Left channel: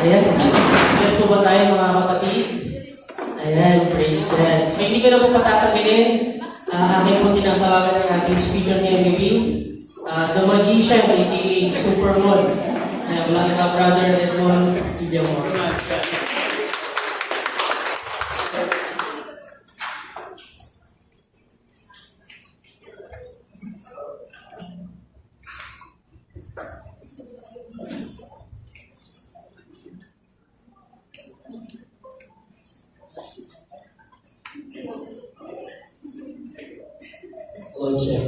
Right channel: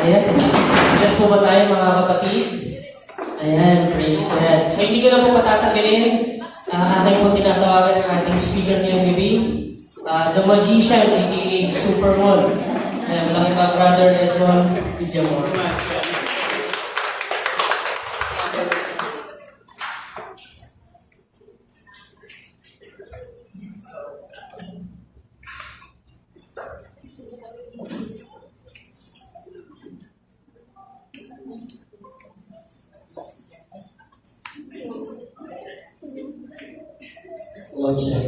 Ayan. Bless po ba tayo mga kapatid? Ayan, praise God. So hindi ko na po patatagalin. Akin po tinatawagan ng ating speaker ni MBB. The Magician, aka Supermod. Ayan, mga brother Edron Villamor. Lord, sir.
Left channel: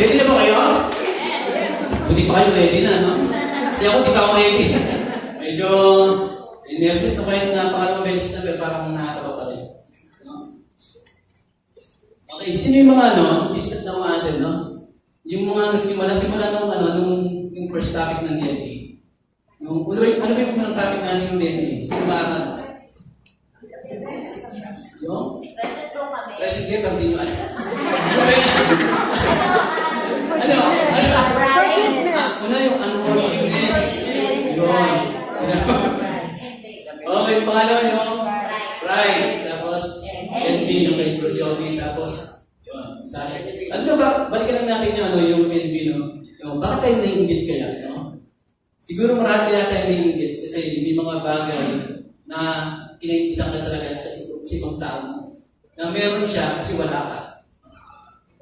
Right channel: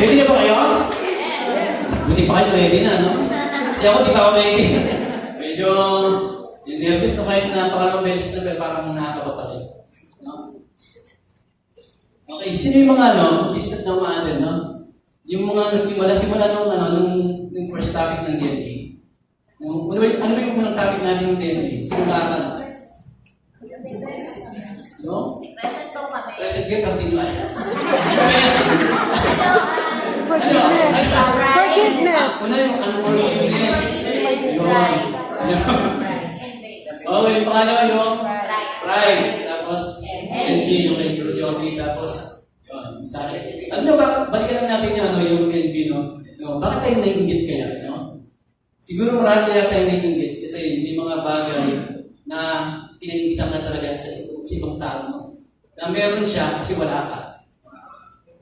Ready na ba kayo? Buti pa kayo ready na, no? Kasi ako, di pa ako ready. Medyo nervous na kayo na parang beses na, pero parang nakakaba pa rin. No? Okay, sino yung mga, assistant na mga atin, no? Yung mga nagsimula nung first topic ng DNA. Ano ba yung unang topic natin yung DNA? Sino ba? Yung? Present po kami. Present kayo, continue. Ano ba yan? Forgiveness. Una yung unforgiveness. Okay, yung pangalawa yung pride. Tapos, envy yung kay Bro Joby. Tapos, yun, sa akin. Alam mo ba, balikan lang natin yung envy, no? Bakit tayo naiingit kaya, no? Siguro marami kaya tayo naiingit kasi may mga bagay na kinaingitan na talaga sa ibang tao, no? Na meron siya kasi wala ka.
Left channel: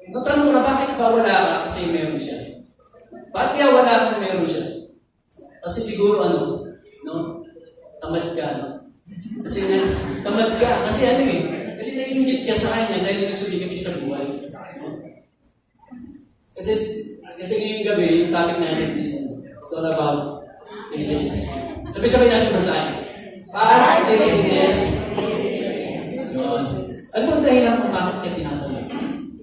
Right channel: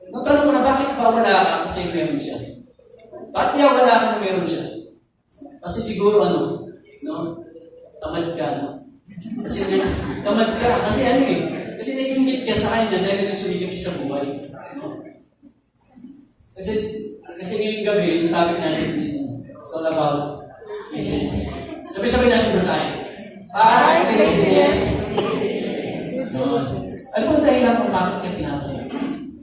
Natanong mo na, bakit ba wala ka kasi meron siya? Bakit kaya wala ka kung meron siya? Kasi siguro no? Tamad ka, no? Kasi tamad ka. Kasi kasi naiingit ka sa kanya dahil nagsusuligap siya sa buhay. No? Kasi ngayong gabi, yung topic natin is it's all about laziness. Sabi natin ba sa akin? Fight the laziness. No? Ano ang dahilan kung bakit ka tinatanong?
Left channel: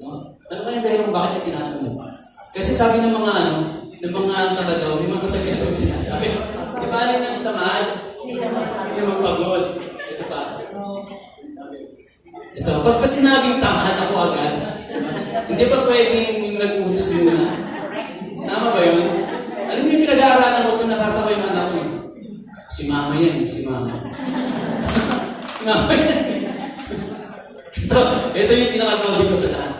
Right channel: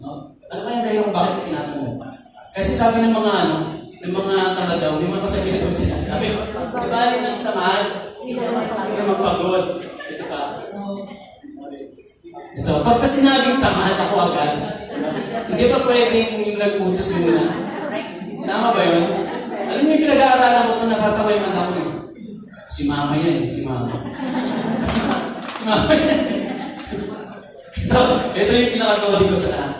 No? Ano kaya dahilan kung bakit ka tinatanong? Kasi sabi ng mga tamad daw, may mga kasabihan daw sila. Sabi, di ba alin ng tamad? Hindi naman pagod. Ito pa. Ito, pagka sinabing tamad ako agad, hindi pa pwedeng nag-utos muna. Tama ba yun? Alam mo yung pinag-aaralan ko kung nakatawa yung anak mo? Si mama yan, si mama. Si mama yan. Ito yung pinakatawag ko sa lahat.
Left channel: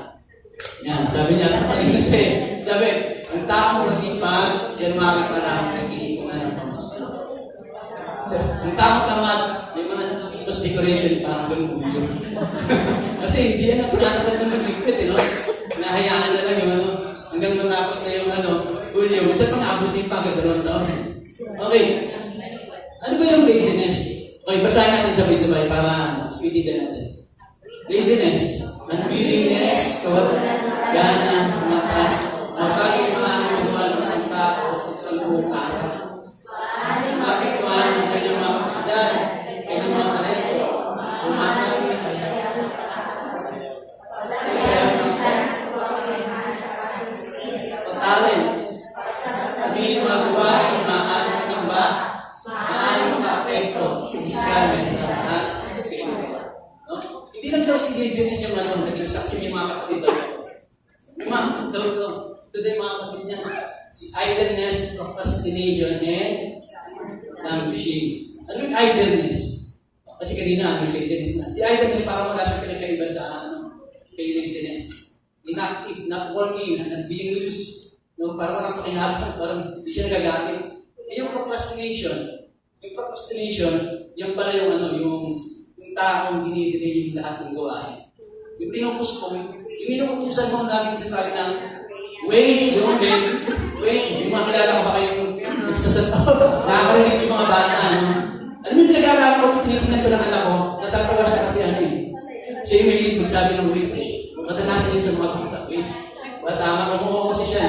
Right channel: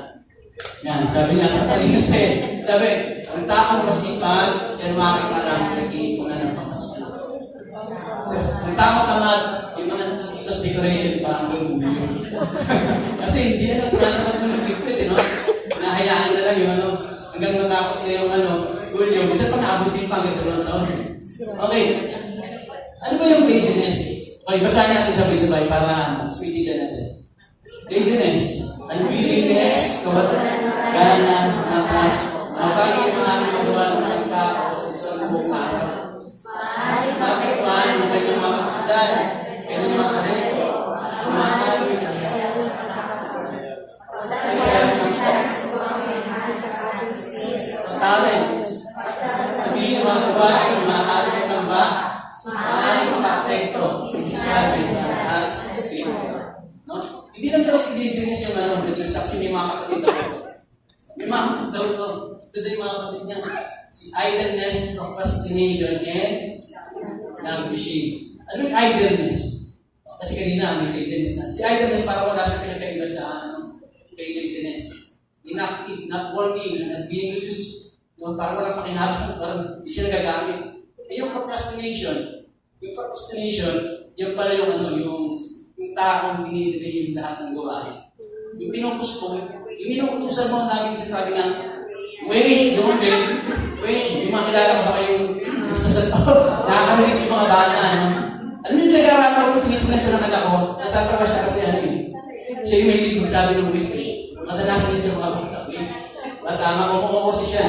Yan, sabi niya, katalino siya. Sabi, ang taong masipag, dyan makikita nag-iipunan ng pamasko. So, ang taong tamad, may mga Christmas decoration pa ang gulong. Kasi hindi yan ang tinatawag ng nag-equip, no? Nahayaan na lang yung hanggang natapos na yung hulyo. Bisa pang abutin pa hanggang 2 taon. Okay. Ano ba yung laziness? Okay, basahin natin sabay-sabay para speedigan natin. Laziness, unwillingness, gana, matas, mga bagay maaaring magawa ng isang tao sa isang buong araw. Mapituan ang kanyang mga kapasidad, kanyang mga talento, umakaling talents, sabihin mga gawain, maaaring matamba, maaaring maka-apekto, physicalmente, at spiritual. No? Hindi lang daw si laziness yung nalampating sa kasi may mga kapatid daw ito. May mga kapatid daw ito. Ito daw yung mga kapatid niya. Si idleness, procrastination, and languishing. Ano yung idleness? Kasi kanina, may laziness na. Si idleness, parang wala siya pinagkaiba sa kay laziness. Inactive, not working, not being used. No, parang walang pakinabang, parang hindi siya nagagamit. Yung procrastination, yung pala yung yung taong dinidelay yung lahat ng gawain. Yung pinupuspong, yung inuutusan mo namin sasabi na, wait, yung makilala ba kayong nagsasabaw? Nakakarinig yung mga bata, Alam mo yung pinag-aaralan ko, tinitignan ko ng anak ko, natatawa siya kasi siya yung mahilig magsabi ng wait, madalasan yun sa mga bata, wait. Tama, kumukuha kasi siya.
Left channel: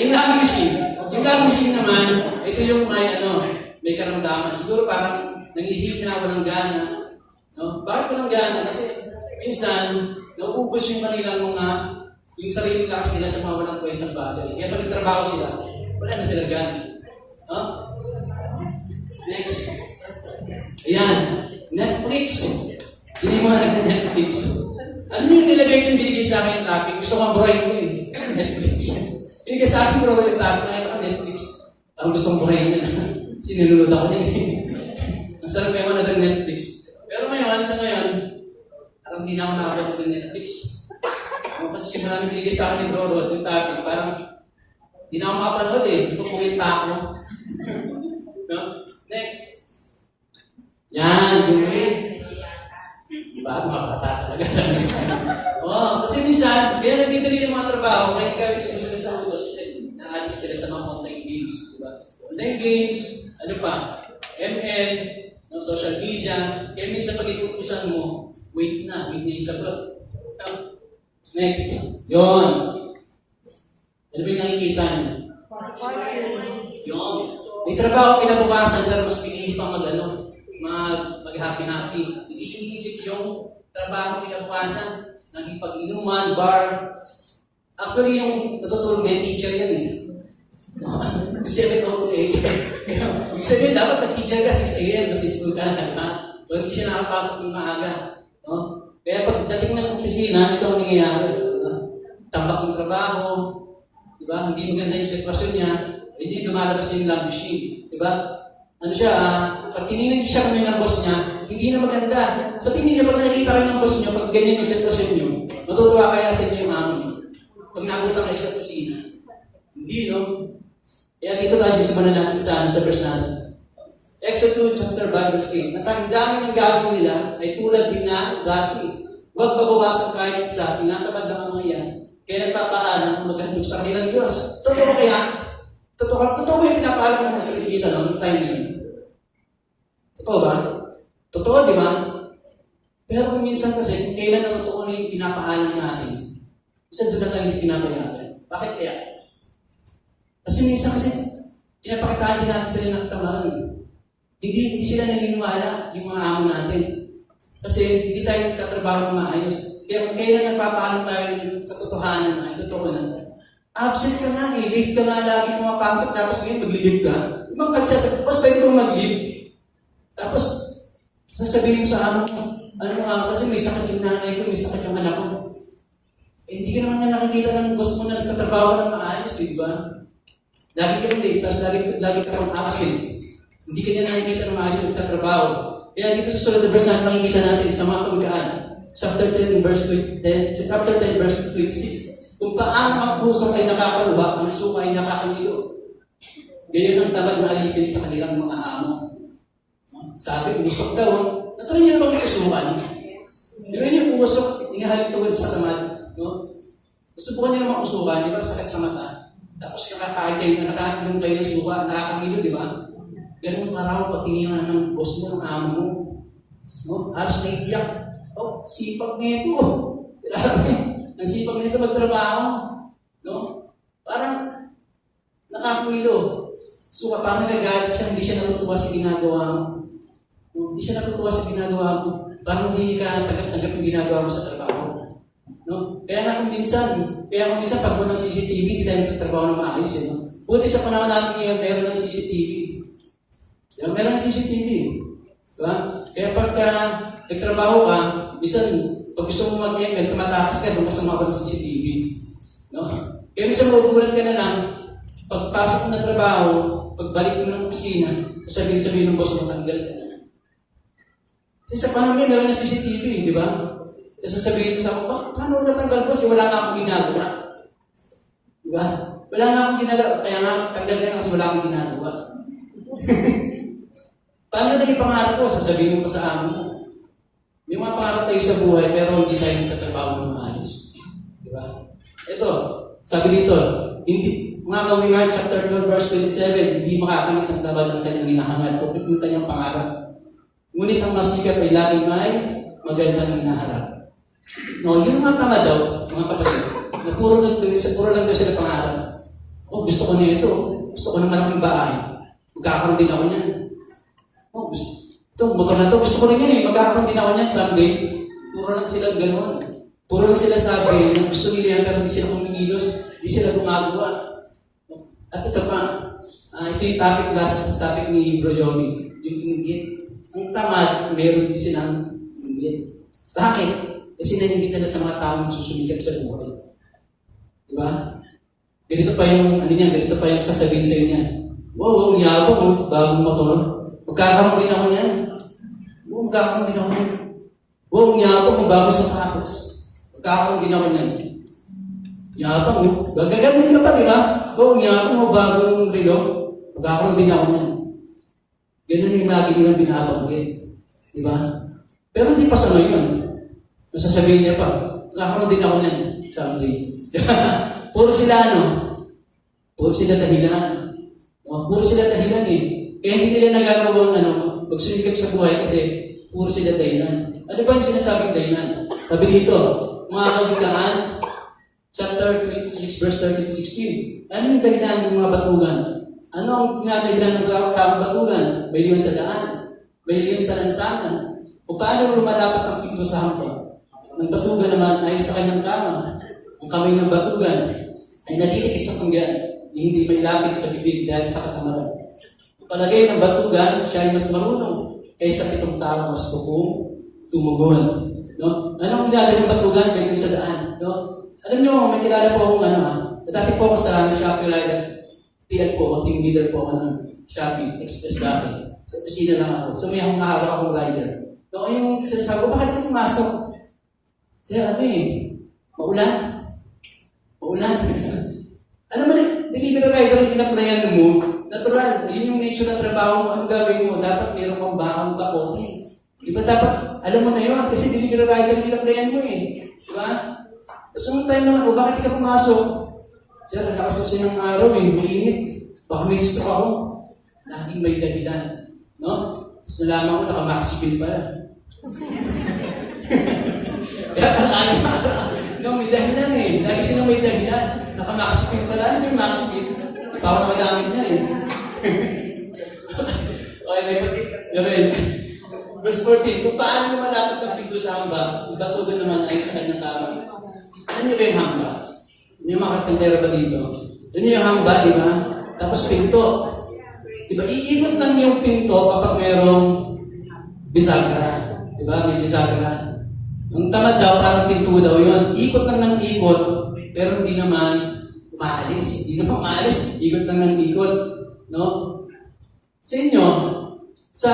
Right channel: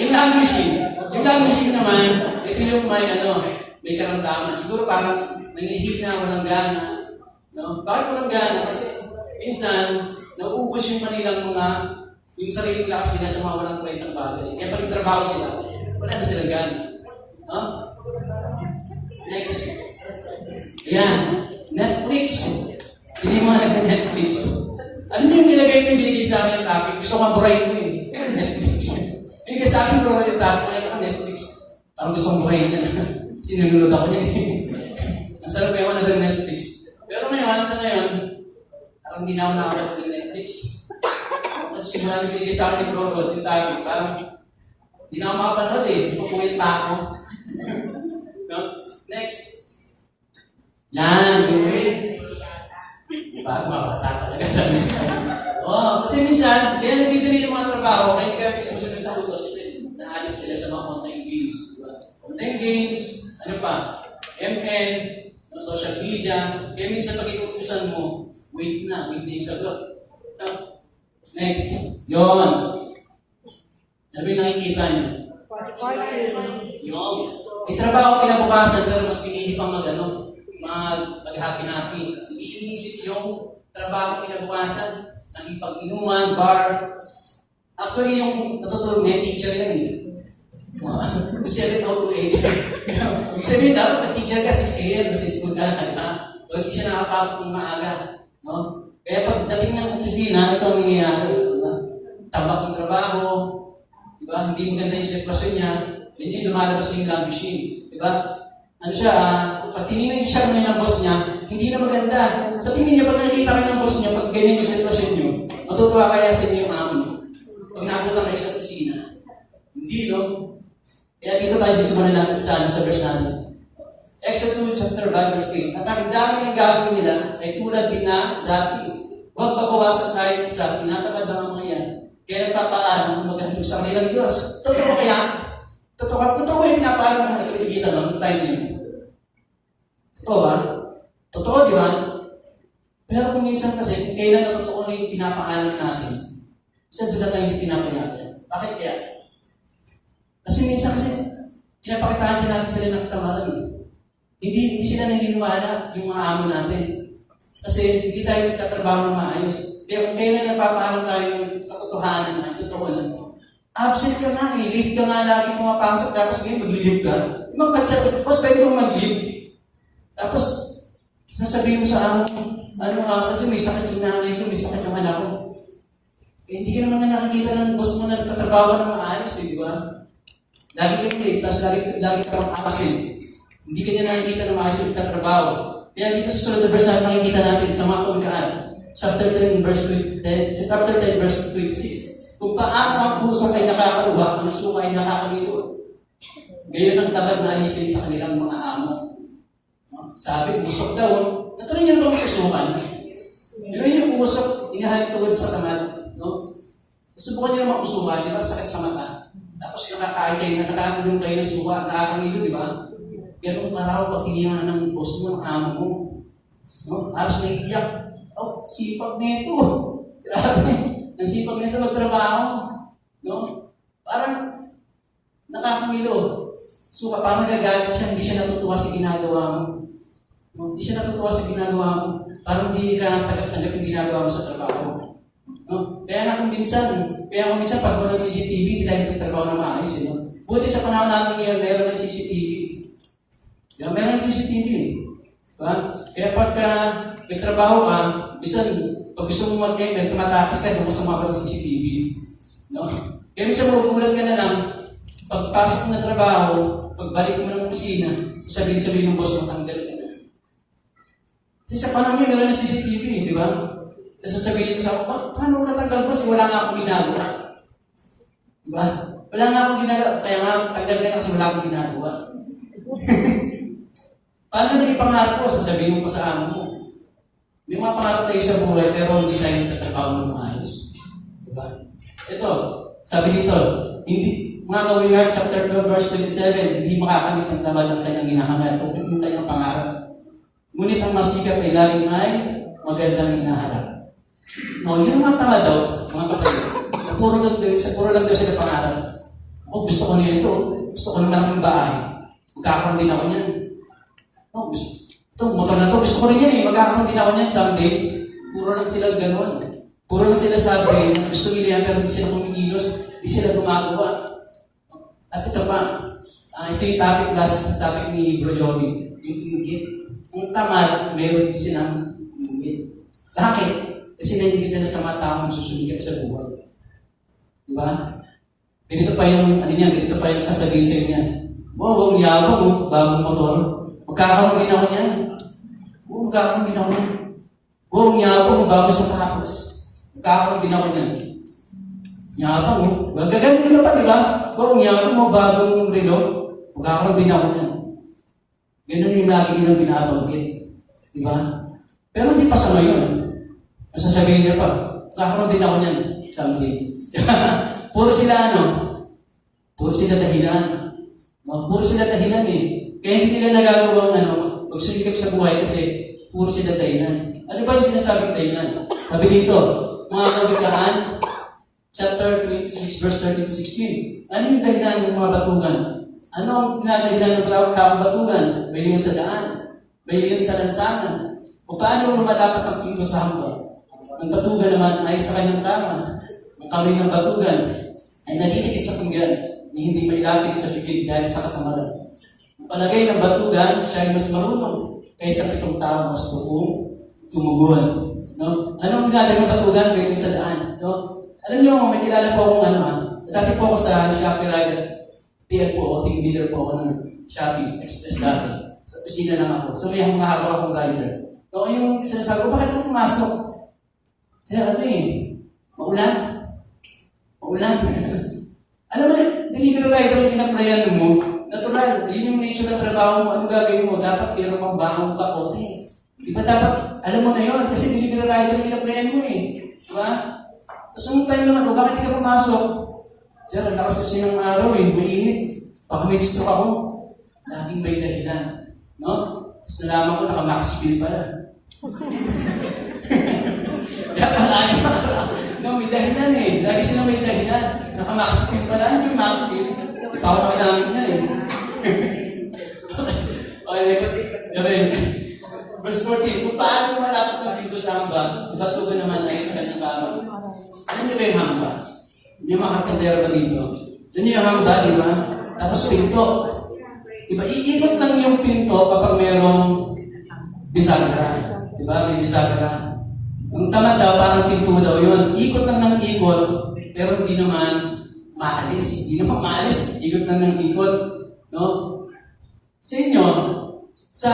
Yung languishing naman, ito yung may karamdaman. Siguro parang nangihina ako ng gana. No? Bakit ko ng gana? Kasi minsan, nauubos yung kanilang yung sariling lakas nila sa mga walang kwentang bagay. Kaya pag nagtrabaho sila, wala na sila gana. No? Next. Ayan. Netflix. Sino Sino yung mga nag-Netflix? Ano yung nilagay ko yung binigay sa akin yung topic? Gusto kong burahin ko eh. Netflix. Binigay sa akin bro yung topic. Nakita ko Netflix. Parang gusto kong burahin na na. Sinunod ako niya eh. Ang sarap kayo ng Netflix. Pero ngayon, sa ngayon, parang hindi na ako nakakalaman ng Netflix. Kasi simula na binigay sa akin ni Bro Rod yung topic, parang hindi na ako makapanood eh. Ipupuwit pa ako. No? Next. Yan, gawin. Parang makakata talaga sa minsan. Kasi minsan, kaya nagdidali ng mga trabaho, kaya hindi kami sumusunod sa utos kasi naanik sila sa mga online games. Diba? Online games, ano pa, ML, no, social media, kaya minsan pag inutusan mo, wait na yung sagot. No? Next. Yon. Ano ba yung nakikita niyo? Yon. May trabaho kinabukasan pero mas pinili pang mag-happy-happy. Hindi inisip yung trabaho kinabukasan, nakipag-inuman, bar. Actually, yung natutulog na yung teacher yan eh. So, 7 to 8. Ibig sabihin, dapat na teacher ka 6 a.m. kasi school ka na. O hindi siya nakapasok ng maaga. No? Kaya pagdating ng opisina, ito ang nangyayari. Diba? Tambak ng trabaho. Diba? Hindi maganda yung sitwasyon niya. Yun yung lumalabas niya yung love machine. Diba? Ano siya, pag tinignan siya kami ng boss niya, hindi na maganda. So tingin niya, pag nakikita kayo ng boss niya, pag ganyan yung sitwasyon niyo, matutuwa kaya sa inyo yung amo niyo. Pag nabutan kayo sa opisina. Hindi, no? Kaya dito tayo simulan sa verse natin. Exodus 2, chapter 5, verse 8. At ang dami ng gagawin nila ay tulad din na dati. Huwag babawasan tayo sa tinatamad ng mga yan. Kaya nagpapaalam ang maghandog sa kanilang Diyos. Totoo kaya? Totoo yung pinapaalam ng sa ligitan ng time na yun. Totoo ba? Totoo, di ba? Pero kung minsan kasi, kung kailan na totoo na yung pinapaalam natin, minsan doon na tayo hindi pinapayagan. Bakit kaya? Kasi minsan kasi, pinapakitaan sila ng tamaran. Hindi sila naniniwala yung mga amo natin. Kasi hindi tayo nagtatrabaho ng maayos. Kaya kung kailan nagpapaalam tayo ng katotohanan na, totoo na, absent ka nga eh, late ka nga lagi pumapasok, tapos ngayon mag-leave ka. Yung mga pagsasabi, boss, pwede kong mag-leave. Tapos, sasabihin mo sa amo, kasi may sakit yung nanay ko, may sakit yung anak ko. Eh, hindi ka naman na nakikita ng boss mo na nagtatrabaho ng maayos eh, di ba? Lagi kang late, tapos lagi kang absent. Hindi ka niya nakikita ng maayos yung nagtatrabaho. Kaya dito sa susunod na verse natin makikita natin sa mga Pagkaan, chapter 10, verse 26. Kung paano ang puso ay nakakaluwa, ang suka ay nakakamilo. Gayon ang tamad na alipin sa kanilang mga amo. Sabi, usok daw. Natuloy niyo ba may usukan? Pero yung usok, inahalik tawad sa tamad. No? Subukan niyo naman usukan, di ba? Sakit sa mata. Tapos nakakagay na nakakamilong kayo ng suka, nakakamilo, di ba? Ganun karaw pag tinignan ng boss mo, ng amo mo. No? Halos naiiyak. Sipag nito. Grabe. Ang sipag nito magtrabaho. No? Parang nakakamilo. So, parang nagagalit siya, hindi siya natutuwa sa ginagawa mo. No? Hindi siya natutuwa sa ginagawa mo. Parang hindi ka tagap-tagap yung ginagawa mo sa trabaho. No? Kaya kung minsan pag walang CCTV, hindi tayo nagtatrabaho ng maayos. No? Buti sa panahon natin ngayon, meron ng CCTV. Meron ng CCTV. Diba? Kaya pagka nagtrabaho ka, minsan, pag gusto mo mag-end, tumatakas ka, kung gusto mo ng CCTV. No? Kaya minsan magugulat ka na lang, pagpasok mo ng trabaho, pagbalik mo ng opisina, sasabihin ng boss mo, tanggal ka na. Kasi sa panahon ngayon, wala na CCTV, di ba? Tapos sasabihin mo sa ako, paano natanggal boss? Wala nga akong ginagawa. Di ba? Wala nga akong ginagawa. Kaya nga, tanggal ka na kasi wala akong ginagawa. Paano na yung pangarap ko? Sasabihin mo pa sa amo mo. May mga pangarap tayo sa buhay, pero hindi tayo nagtatrabaho ng maayos. Di ba? Ito, sabi dito, hindi, mga Kawikaan, chapter 12, verse 27, hindi makakamit ang tabad ng kanyang hinahangad o yung kanyang pangarap. Ngunit ang masikap ay laging may magandang hinaharap. No, yung mga tanga daw, mga kapatid, na puro lang daw sila pangarap. Gusto ko na ito. Gusto ko na malaking bahay. Magkakaroon din ako niyan. Motor na to. Gusto ko rin yan eh. Magkakaroon din ako niyan someday. Puro lang sila gano'n. Puro lang sila sabi na gusto nila yan pero hindi sila kumikilos. Hindi sila gumagawa. At ito pa, ito yung topic ni Bro Joey. Yung inggit. Ang tamad, meron din silang inggit. Bakit? Kasi nahingit sila sa mga taong susumikap sa buhay. Di ba? Ganito pa yung, ganito pa yung sasabihin sa'yo niya. Wow, yabang, bagong motor. Magkakaroon din ako niyan. Magkakaroon din ako niyan. Wow, yabang, bagong sapatos. Magkakaroon din ako niyan. Yabang, gagagamit ka pa, di ba? Wow, yabang, bagong relo. Magkakaroon din ako niyan. Ganun yung lagi nilang binabanggit. Di ba? Pero hindi pa sa ngayon. Masasabihin niya pa, magkakaroon din ako niyan someday. Puro sila Puro sila dahilan. Puro sila dahilan eh. Kaya hindi nila nagagawang magsumikap sa buhay kasi puro sila dahilan. Ano ba yung sinasabing dahilan? Sabi dito, mga kawikaan, chapter 26, verse 30 to 16. Ano yung dahilan ng mga batugan? Ano ang pinadahilan ng taong batugan? Mahilingan sa daan, mahilingan sa lansangan. O paano lumalapat ang pinto sa hampa? Ang batugan naman ay sa kanyang kama. Ang kamay ng batugan ay nadilikit sa pinggan na hindi mailapit sa bibig dahil sa katamaran. Ang palagay ng batugan, siya ay mas marunong kaysa 7 tao mas bukong tumugon. No? Anong ginagawa ng batugan? May sa daan. No? Alam niyo, may kilala po akong dati po ako sa Shopee Rider. TL po ako, team leader po ako ng Shopee Express dati. Sa opisina lang ako. So may mahaba akong rider. So yung sinasabi ko, bakit ako pumasok? Kaya maulan. Maulan. Alam mo na, delivery rider ang pinaplayan mo, natural. Yun yung nature na trabaho mo. Ano gagawin mo? Dapat mayroon kang baong kapote. Di ba dapat, alam mo na yun, kasi delivery rider ang pinaplayan mo eh. Diba? Tapos nung time naman, bakit ka pumasok? Sir, lakas kasi yung araw eh, mainit. Baka may stroke ako. Laging may dahilan. No? Tapos nalaman ko, naka-maxi pin pala. Kaya no, may dahilan eh. Lagi sila may dahilan. Naka-maxi pin pala. Ano yung maxi pin? Tao na kailangan niya eh. Okay, next. Verse 14. Kung paano malapit ng pinto sa hamba, batugan naman ay sa kanyang kama. Ano nyo ba yung hamba? Yung mga kapintero ba dito? Ano yung hamba, di ba? Tapos pinto. Di ba? Iikot lang yung pinto kapag merong bisagra. Di ba? May bisagra. Ang tamad daw, parang pinto daw yun. Ikot lang ng ikot, pero hindi naman umaalis. Hindi naman umaalis. Ikot lang ng ikot. No? Sa inyo, sa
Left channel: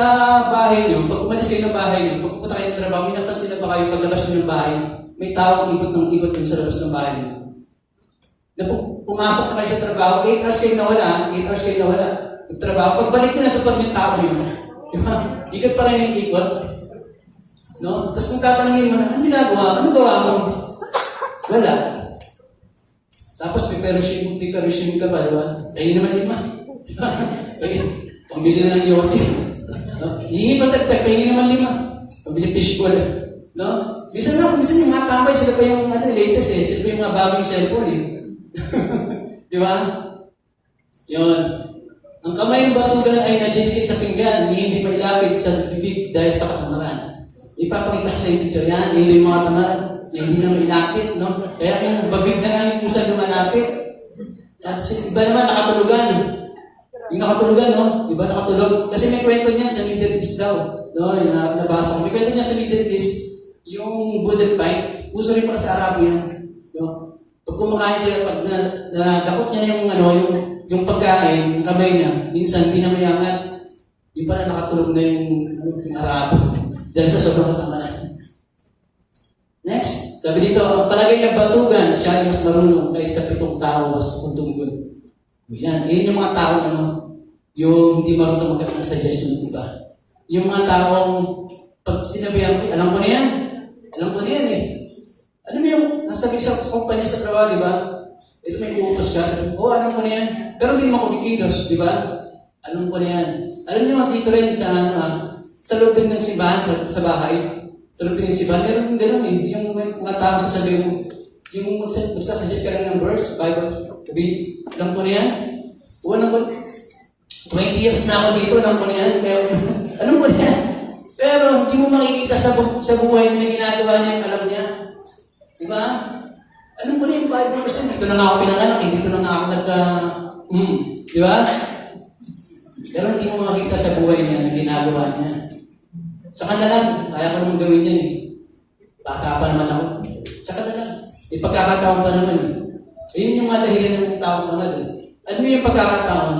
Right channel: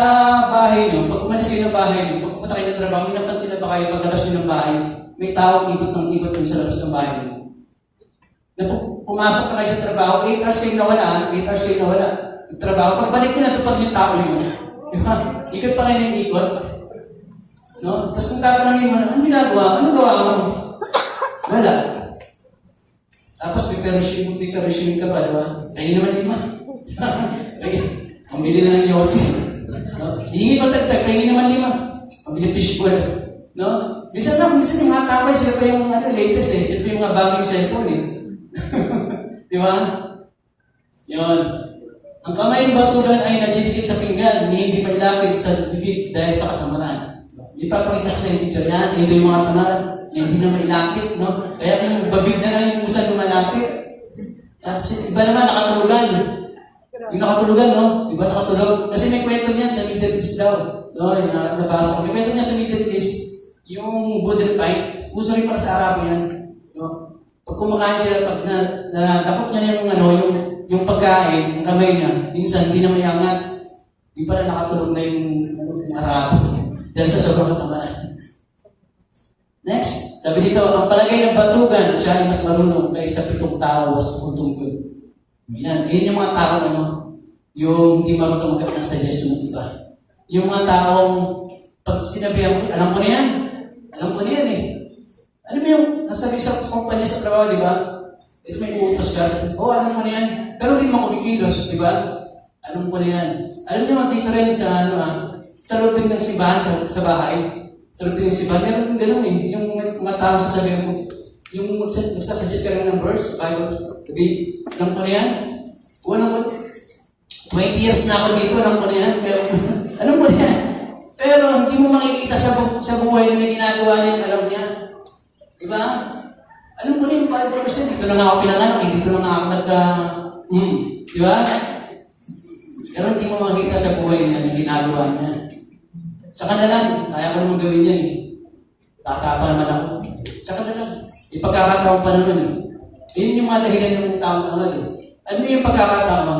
bahay nyo, pag umalis kayo ng bahay nyo, pag pumunta kayo ng trabaho, may napansin na ba kayo pag labas nyo ng bahay, may tawag ikot ng ikot sa labas ng bahay nyo. Na pumasok na kayo sa trabaho, 8 hours kayo nawala, 8 hours kayo nawala. Nagtrabaho, pagbalik ko na ito pag yung tao na yun. Diba? Ikot pa rin yung ikot. No? Tapos kung tatanungin mo, ano ginagawa? Ano gawa mo? Wala. Tapos may perishing ka ba, diba? Kayo naman 5. Pambili na ng yosi. No? Hihingi pa tagtag, kayo naman 5. Pambili fishball. No? Minsan yung mga tamay, sila pa yung latest eh. Sila pa yung mga bagong cellphone eh. Di ba? Yun. Ang kamay ng batugan ay nadidikit sa pinggan, hindi may lapit sa bibig dahil sa katamaran. Ipapakita ko sa yung picture yan, hindi yung mga tamaran, hindi na may lapit, no? Kaya yung babig na lang yung pusa lumalapit. At iba naman, nakatulugan. Yung nakatulugan, no? Iba nakatulog. Kasi may kwento niyan sa Middle East daw. No? Yung nabasa ko. May kwento niya sa Middle East, yung wooden pipe, uso rin para sa Arabo yan. No? Pag kumakain sila, pag nadakot niya yung pagkain, yung kamay niya, minsan hindi na mayangat. Yung pala nakatulog na yung Arabo. Dahil sa sobrang tamaran. Next, sabi dito, ang palagay ng batugan, siya ay mas marunong kaysa 7 tao sa kuntungkod. Yan, yun yung mga tao yung hindi marunong magkakang suggestion ng iba. Yung mga taong, pag sinabihan ko, alam ko na yan. Alam ko na yan eh. Ano mo yung, nasabi sa kumpanya sa trabaho, di ba? Ito may uupos ka. Sabi, alam ko na yan. Pero hindi mo kumikilos, di ba? Alam ko na yan. Alam niyo, dito rin sa loob din ng simbahan, sa bahay, sa loob din ng simbahan, meron gano'n eh. Yung mga tao sasabihin mo, yung magsasuggest ka lang ng verse, Bible, sabi, alam ko na yan. Alam ko, 20 years na ako dito, alam ko na yan. Kaya, alam ko na yan. Pero hindi mo makikita sa buhay na ginagawa niya, alam niya. Diba? Alam ko na yung Bible verse, dito na ako pinanganak, dito na ako diba? Pero hindi mo makikita sa buhay niya na ginagawa niya. Sa kanya lang, kaya ko naman gawin yan eh. pagkakataon pa naman eh. Ayun yung mga dahilan ng tao naman eh. Ano yung pagkakataon?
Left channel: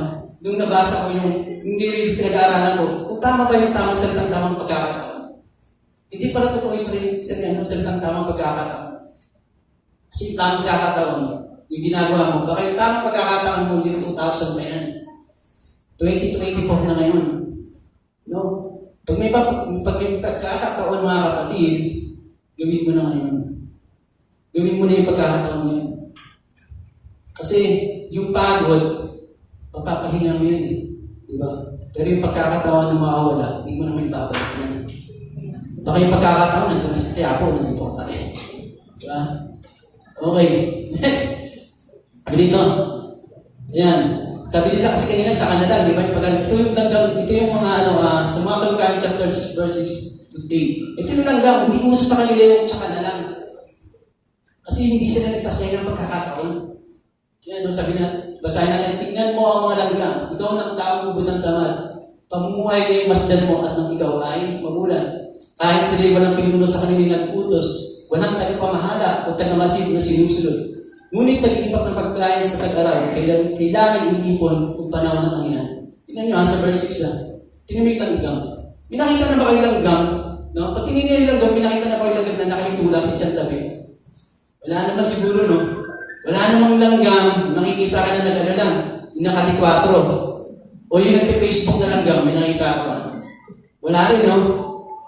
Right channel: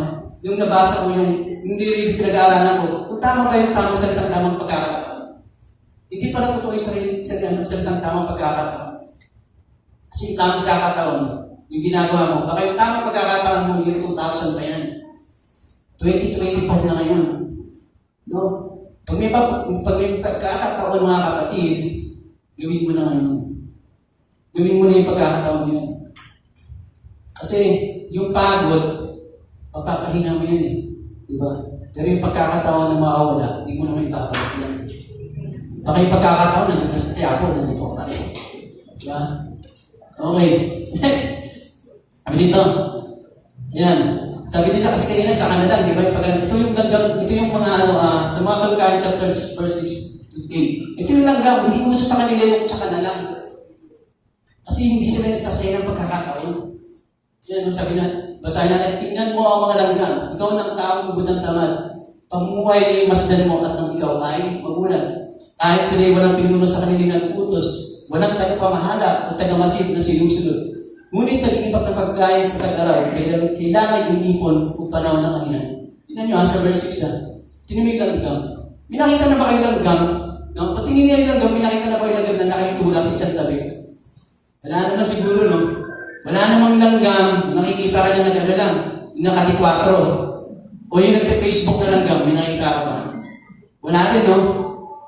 Nung nabasa ko yung nililip pinag-aaralan ko, kung tama ba yung tamang salitang tamang pagkakataon? Hindi pala totoo yung salitang tamang pagkakataon. Kasi tamang pagkakataon, yung ginagawa mo, baka yung tamang pagkakataon mo yung 2000 na yan. 2024 na ngayon. No? Pag may pagkakataon mga kapatid, gawin mo na ngayon. Gawin mo na yung pagkakataon yun. Kasi yung pagod, papapahina mo yan eh. Diba? Pero yung pagkakataon na mawawala, hindi mo na may babalik yan. Baka yung pagkakataon, nandun na sa Tiapo, nandito ka pa rin. Diba? Okay. Next. Sabi dito. Ayan. Sabi nila kasi kanina, tsaka na lang, di ba? Ito yung mga sa mga Kalkan chapter 6, verse 6 to 8. Ito yung langgam, hindi mo sa kanila yung tsaka na lang. Kasi hindi sila nagsasaya ng pagkakataon. Yan, sabi na, basahin natin, tingnan mo ang mga langgam. Ikaw ng taong butang tamad. Pamumuhay na yung masdan mo at nang ikaw ay magulang. Kahit sila walang pinuno sa kanila ng utos, walang tagapamahala o tagamasid na sinusunod. Ngunit nag-iipak ng pagkain sa tag-araw, kailangan iipon kung panahon ng kanina. Tingnan nyo sa verse 6 tinimik langgam. Minakita na ba kayo langgam? No? Pag tingin niya yung langgam, minakita na ba kayo langgam na nakitulak sa isang tabi? Wala naman siguro, no? Wala namang langgam, nakikita ka na nag-alalang, yung nakati-4. O yung nagpe-Facebook na langgam, minakita ko. Wala rin, no?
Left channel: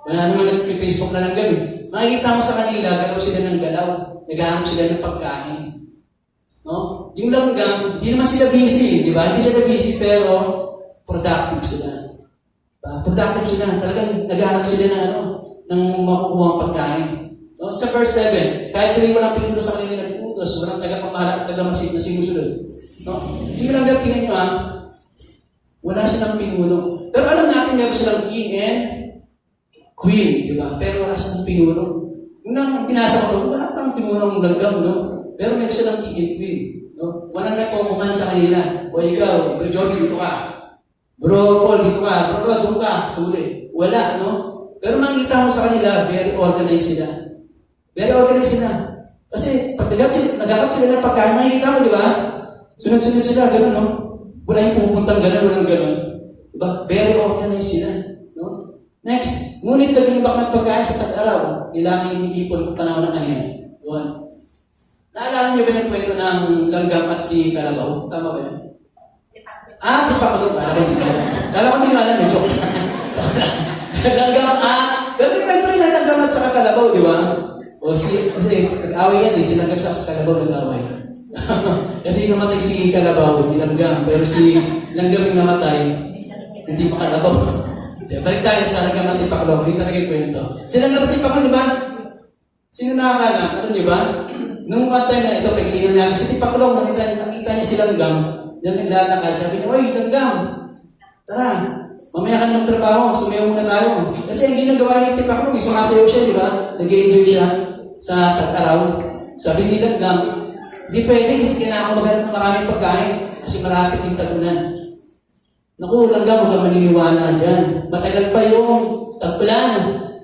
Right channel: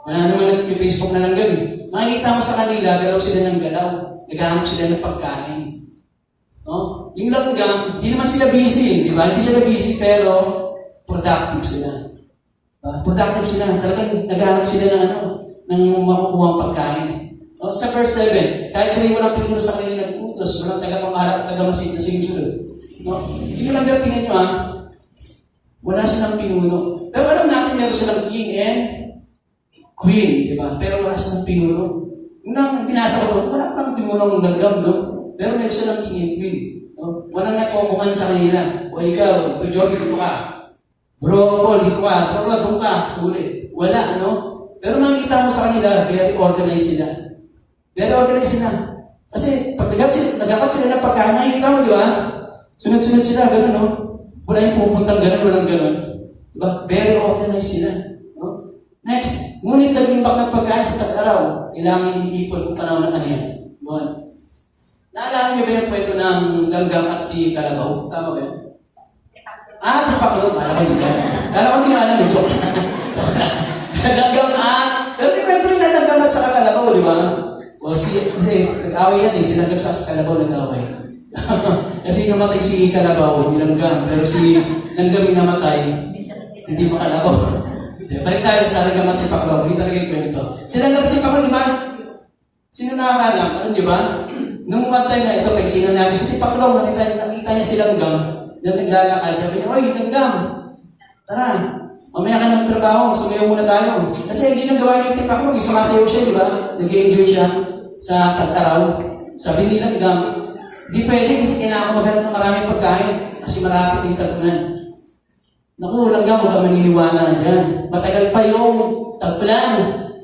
Wala namang nagpe-Facebook na langgam. Makikita mo sa kanila, galaw sila ng galaw. Naghahanap sila ng pagkain. No? Yung langgam, hindi naman sila busy, di ba? Hindi sila busy, pero productive sila. Diba? Productive sila. Talagang naghahanap sila ng makukuha pagkain. No? Sa verse 7, kahit sila walang pinuno sa kanila ng utos, walang tagapamahala at tagamasid na sinusunod. No? Yung langgam, tingnan nyo wala silang pinuno. Pero alam natin, meron silang king and queen, di ba? Pero wala silang pinuno. Yung nang binasa ko, wala pang pinuno ng langgam, no? Pero meron silang king and queen. No? Walang nagkukuhan sa kanila. O ikaw, Bro Joby, dito ka. Bro Paul, dito ka. Bro Rod, dito ka. Sorry. Wala, no? Pero makikita mo sa kanila, very organized sila. Very organized sila. Kasi pag nagagat sila ng pagkain, makikita mo, di ba? Sunod-sunod sila, gano'n, no? Wala yung pupuntang gano'n, walang gano'n. Diba? Very organized sila. No? Next, ngunit nag-imbak ng pagkain sa tag-araw, kailangan iniipon kung panahon ng kanya. Naalala niyo ba yung kwento ng langgam at si Kalabaw? Tama ba yun? Ito pa ko. Kala ko din alam yung joke. Langgam pero may kwento rin ng langgam at sa Kalabaw, di ba? Kasi nag-away yan, sila sa Kalabaw nag-away. Kasi namatay si Kalabaw, langgam, pero si langgam yung namatay, hindi makalabaw. Balik tayo sa langgam at Tipaklo, hindi talaga yung kwento. Si langgam at Tipaklo, di ba? Sino nakakalam? Ano nyo ba? Nung matay na ito, pagsinan namin si Tipaklo, nakita niya si langgam, na naglalakad, sabi niya, oy, langgam, tara, mamaya ka ng trabaho, sumayo muna tayo. Kasi hindi nang gawa niya Tipaklo, sumasayaw siya, di ba? Nag-enjoy siya sa tag-araw. Sabi ni langgam, di pwede kasi kailangan maghanap ng maraming pagkain kasi malapit yung tagunan. Naku, langgam, huwag kang maniniwala dyan. Matagal pa yung tag-ulan.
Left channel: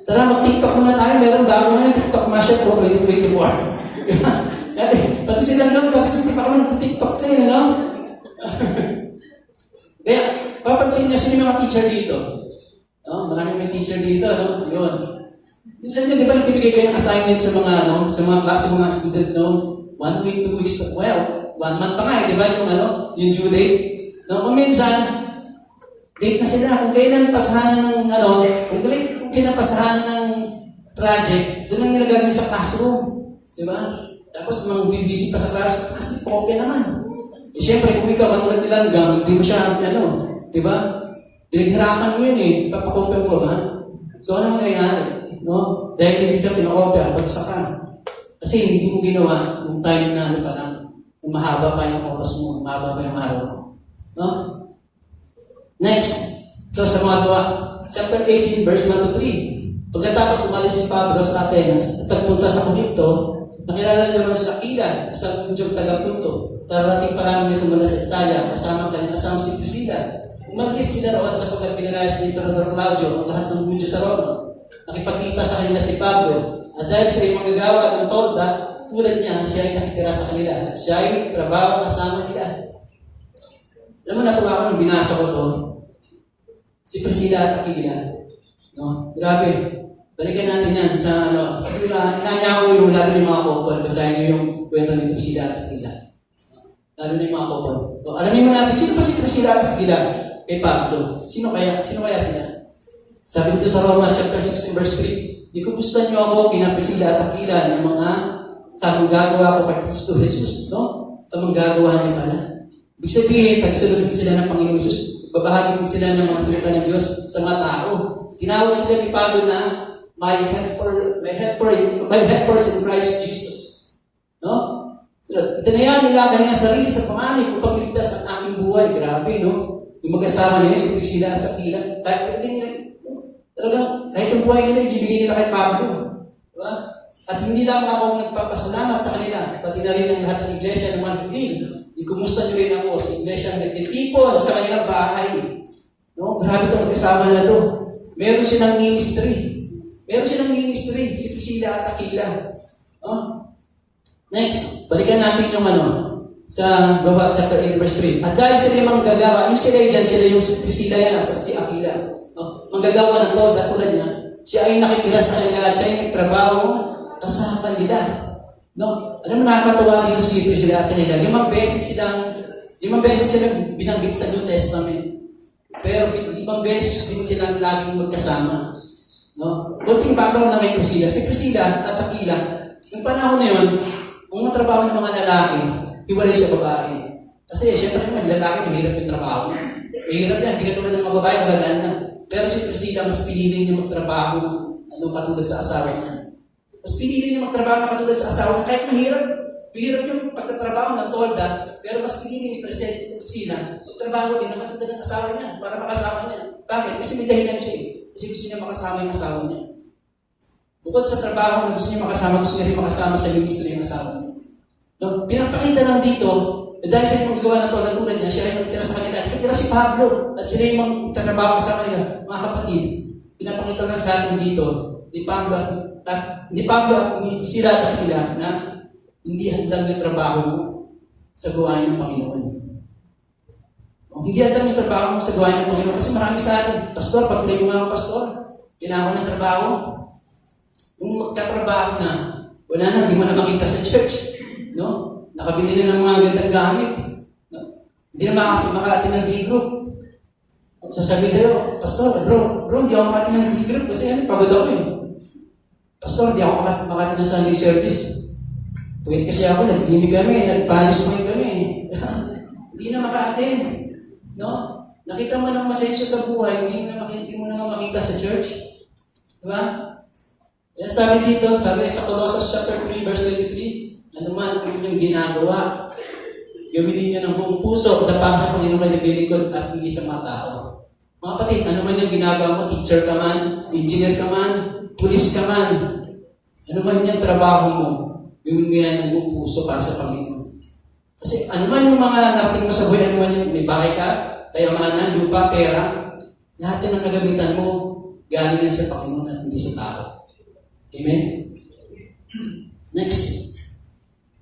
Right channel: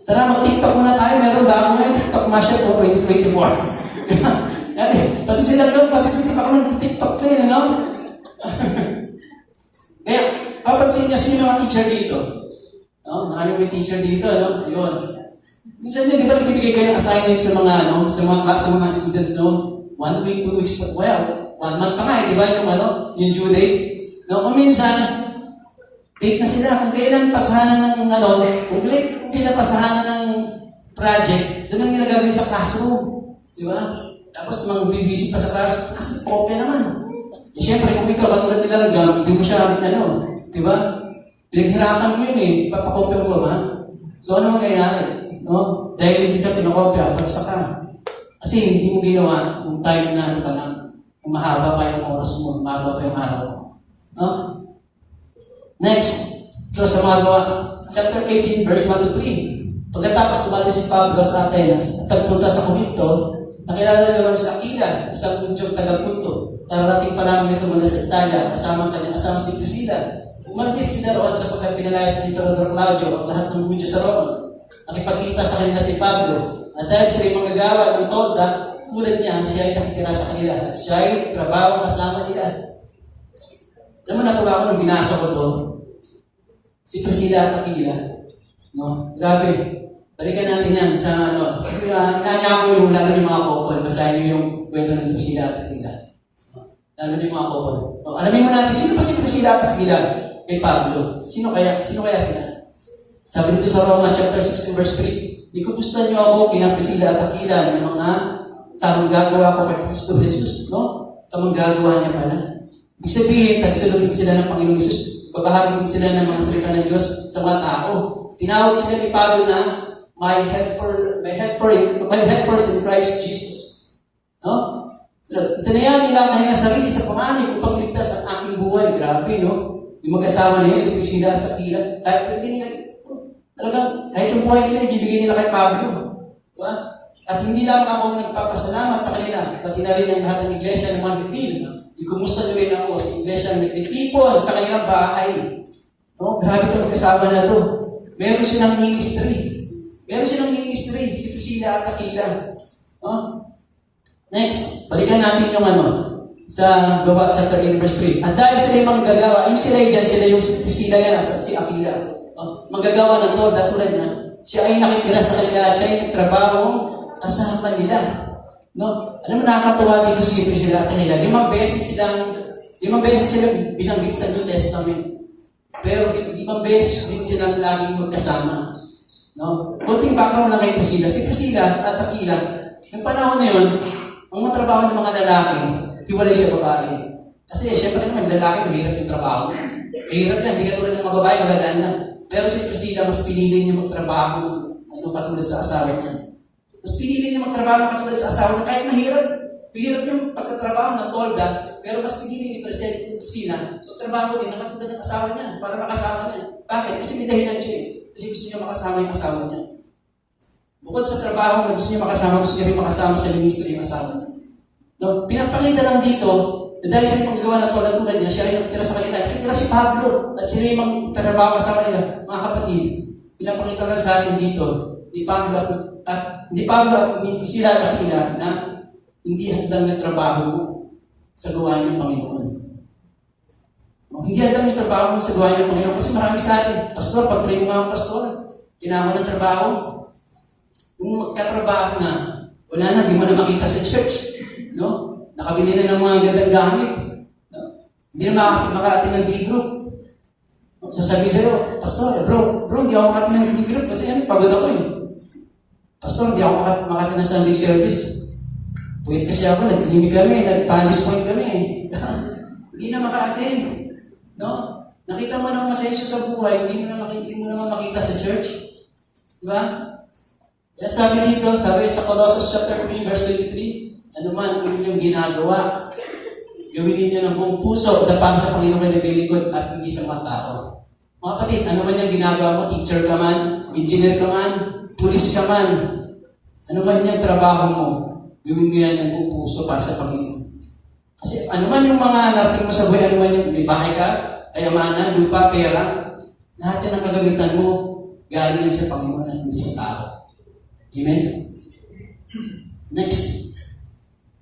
Tara, mag-TikTok muna tayo. Meron bago ngayon, TikTok Mashup po 2024. Pati si langgam, pati si Tipaklo nag-TikTok tayo, no? Kaya, papansin niya sino mga teacher dito. No? Maraming may teacher dito, no? Yun. Minsan yun, di ba nagbibigay kayo ng assignment sa mga, sa mga class, sa mga student, no? 1 week, 2 weeks, well, 1 month pa nga, di ba, yung due date? No, kung minsan, date na sila, kung kailan pasahanan ng, kung kailan pasahanan ng project, doon ang nilagawin sa classroom. Di ba? Tapos, mag-busy pa sa classroom, kopya naman. Eh, syempre, kung ikaw, katulad nila, hindi mo siya, di ba? Pinaghirapan mo yun papakopya mo ba? So, ano mangyayari? No? Dahil hindi ka pinakopya, bagsak ka. Kasi hindi mo ginawa kung time na pa lang. Kung mahaba pa yung oras mo, mahaba pa yung araw mo. No? Next, ito sa Magawa, chapter 18, verse 1 to 3. Pagkatapos umalis si Pablo sa Atenas at pagpunta sa Corinto, nakilala na naman sa Aquila, isang mudyong taga-Punto. Kararating pa namin ito mula sa Italia, kasama si Priscilla. Umalis sila roon sapagkat pinalayas ni Emperador Claudio ang lahat ng mudyo sa Roma. Nakipagkita sa kanila si Pablo. At dahil sila yung magagawa ng tolda, tulad niya, siya ay nakitira sa kanila. Siya ay trabaho kasama nila. Alam mo, natuwa ko nung binasa ko to. Si Priscilla at Aquila. No? Grabe. Balikan natin yan sa ano. Sabi nga, inanya ko yung lalo yung mga couple. Basahin niyo yung kwento ng Priscilla at Aquila. No? Lalo na yung mga couple. So, alamin mo natin, sino pa si Priscilla at Aquila? Kay Pablo. Sino kaya sila? Sabi dito sa Roma chapter 16 verse 3, di ko gusto niyo ako kinaprisila at Aquila ng mga tamang gagawa ko kay Kristo Jesus. No? Tamang gagawa niya pala. Ibig sabihin, tagsunod sila ng Panginoong Jesus. Babahagi sila ng mga salita ng Diyos sa mga tao. Tinawag sila ni Pablo na my helpers in Christ Jesus. No? So, itinayan nila kanyang sarili sa panganib upang iligtas ang aking buhay. Grabe, no? Yung mag-asawa na yun, si Priscilla at Aquila, kahit talagang, kahit yung buhay nila, ibibigay nila kay Pablo. Diba? At hindi lang ako nagpapasalamat sa kanila, pati na rin ang lahat ng iglesia ng mga Hindil. Ikumusta niyo rin ako sa iglesia ng nagtitipon sa kanilang bahay. No? Grabe itong mag-asawa na ito. Meron silang ministry. Si Priscilla at Aquila. No? Next, balikan natin yung sa Gawat chapter 8 verse 3. At dahil sila yung manggagawa, yung sila dyan, sila yung Priscilla yan at si Aquila. Manggagawa ng tolda tulad niya, siya ay nakikita sa kanila at siya ay nagtrabaho kasama nila. No? Alam mo, nakakatawa dito si Priscilla at Aquila. 5 beses silang binanggit sa New Testament. Pero 5 beses din silang laging magkasama. No? Kunting background na kay Priscilla. Si Priscilla at Aquila, yung panahon na yun, ang mga trabaho ng mga lalaki, hiwalay siya babae. Kasi siyempre naman, lalaki, mahirap yung trabaho. Mahirap yan, hindi ka tulad ng mga babae, magagaan lang. Pero si Priscilla, mas pinili niya magtrabaho katulad sa asawa niya. Mas pinili niya magtrabaho katulad sa asawa niya. Kahit mahirap yung pagtatrabaho ng tolda, pero mas pinili ni Priscilla magtrabaho din ng katulad ng asawa niya para makasama niya. Bakit? Kasi may dahilan siya. Kasi gusto niya makasama yung asawa niya. Bukod sa trabaho, gusto niya gusto niya rin makasama sa ministry ng asawa niya. No, pinapakita lang dito, dahil siya yung magawa ng tulad niya, siya rin magtira sa kanila. Katira si Pablo, at sila yung magtrabaho sa kanila. Mga kapatid, pinapakita lang sa atin dito, ni Pablo at ni Priscilla at Aquila na hindi handang yung trabaho mo sa gawain ng Panginoon. No, hindi handang yung trabaho mo sa gawain ng Panginoon kasi marami sa atin. Pastor, pag-pray mo nga ako, Pastor. Kailangan ng trabaho. Kung katrabaho na, wala na, hindi mo na makita sa church. No? Nakabili na ng mga gandang gamit. No? Hindi na makakatin ng D-group. Sasabihin sa'yo, Pastor, bro, hindi ako makatin ng D-group kasi pagod ako eh. Pastor, hindi ako makatin ng Sunday service. Pwede kasi ako, nag-inig kami, nag-panis point kami. Hindi na makaatin. No? Nakita mo ng masensyo sa buhay, hindi mo na makita sa church. Diba? Kaya sabi dito, sabi sa Colossus chapter 3, verse 23, ano man kung inyong ginagawa, gawin ninyo ng buong puso, dapang sa Panginoon kayo naglilikod at hindi sa mga tao. Mga kapatid, ano man yung ginagawa mo, teacher ka man, engineer ka man, pulis ka man, ano man yung trabaho mo, gawin mo yan ng buong puso para sa Panginoon. Kasi ano man yung mga narating mo sa buhay, ano man yung may bahay ka, kayamanan, lupa, pera, lahat yan ang kagamitan mo, galing yan sa Panginoon at hindi sa tao. Amen? Next.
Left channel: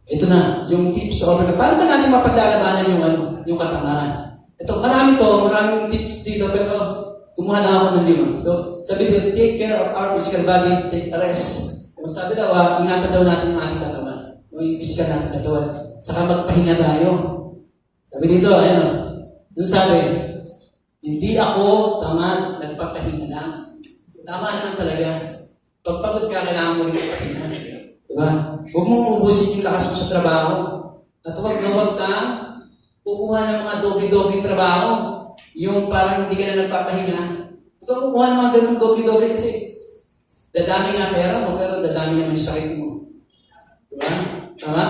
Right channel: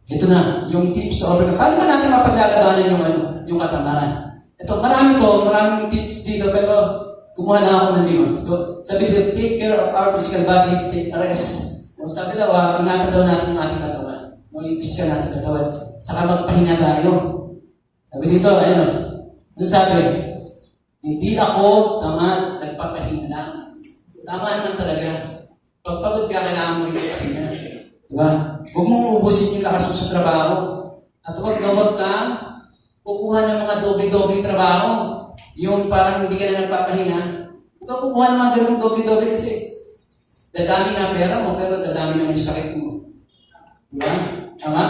Ito na, yung tips to overcome. Paano ba natin mapaglalabanan yung katangahan? Ito, maraming tips dito, pero kumuha na ako ng 5. So, sabi dito, take care of our physical body, take a rest. Kung sabi daw, ingatan daw natin ang ating katawan. Yung physical natin katawan. Saka magpahinga tayo. Sabi dito, yung sabi, hindi ako tamad, nagpapahinga lang. Tama naman talaga. Pagpagod ka, kailangan mo rin magpahinga. Diba? Huwag mong ubusin yung lakas mo sa trabaho. At huwag kang kukuha ng mga doble-doble trabaho. Yung parang hindi ka na nagpapahinga. Huwag kang kukuha ng mga ganun doble-doble kasi dadami na pera mo, pero dadami na yung sakit mo. Diba? Tama?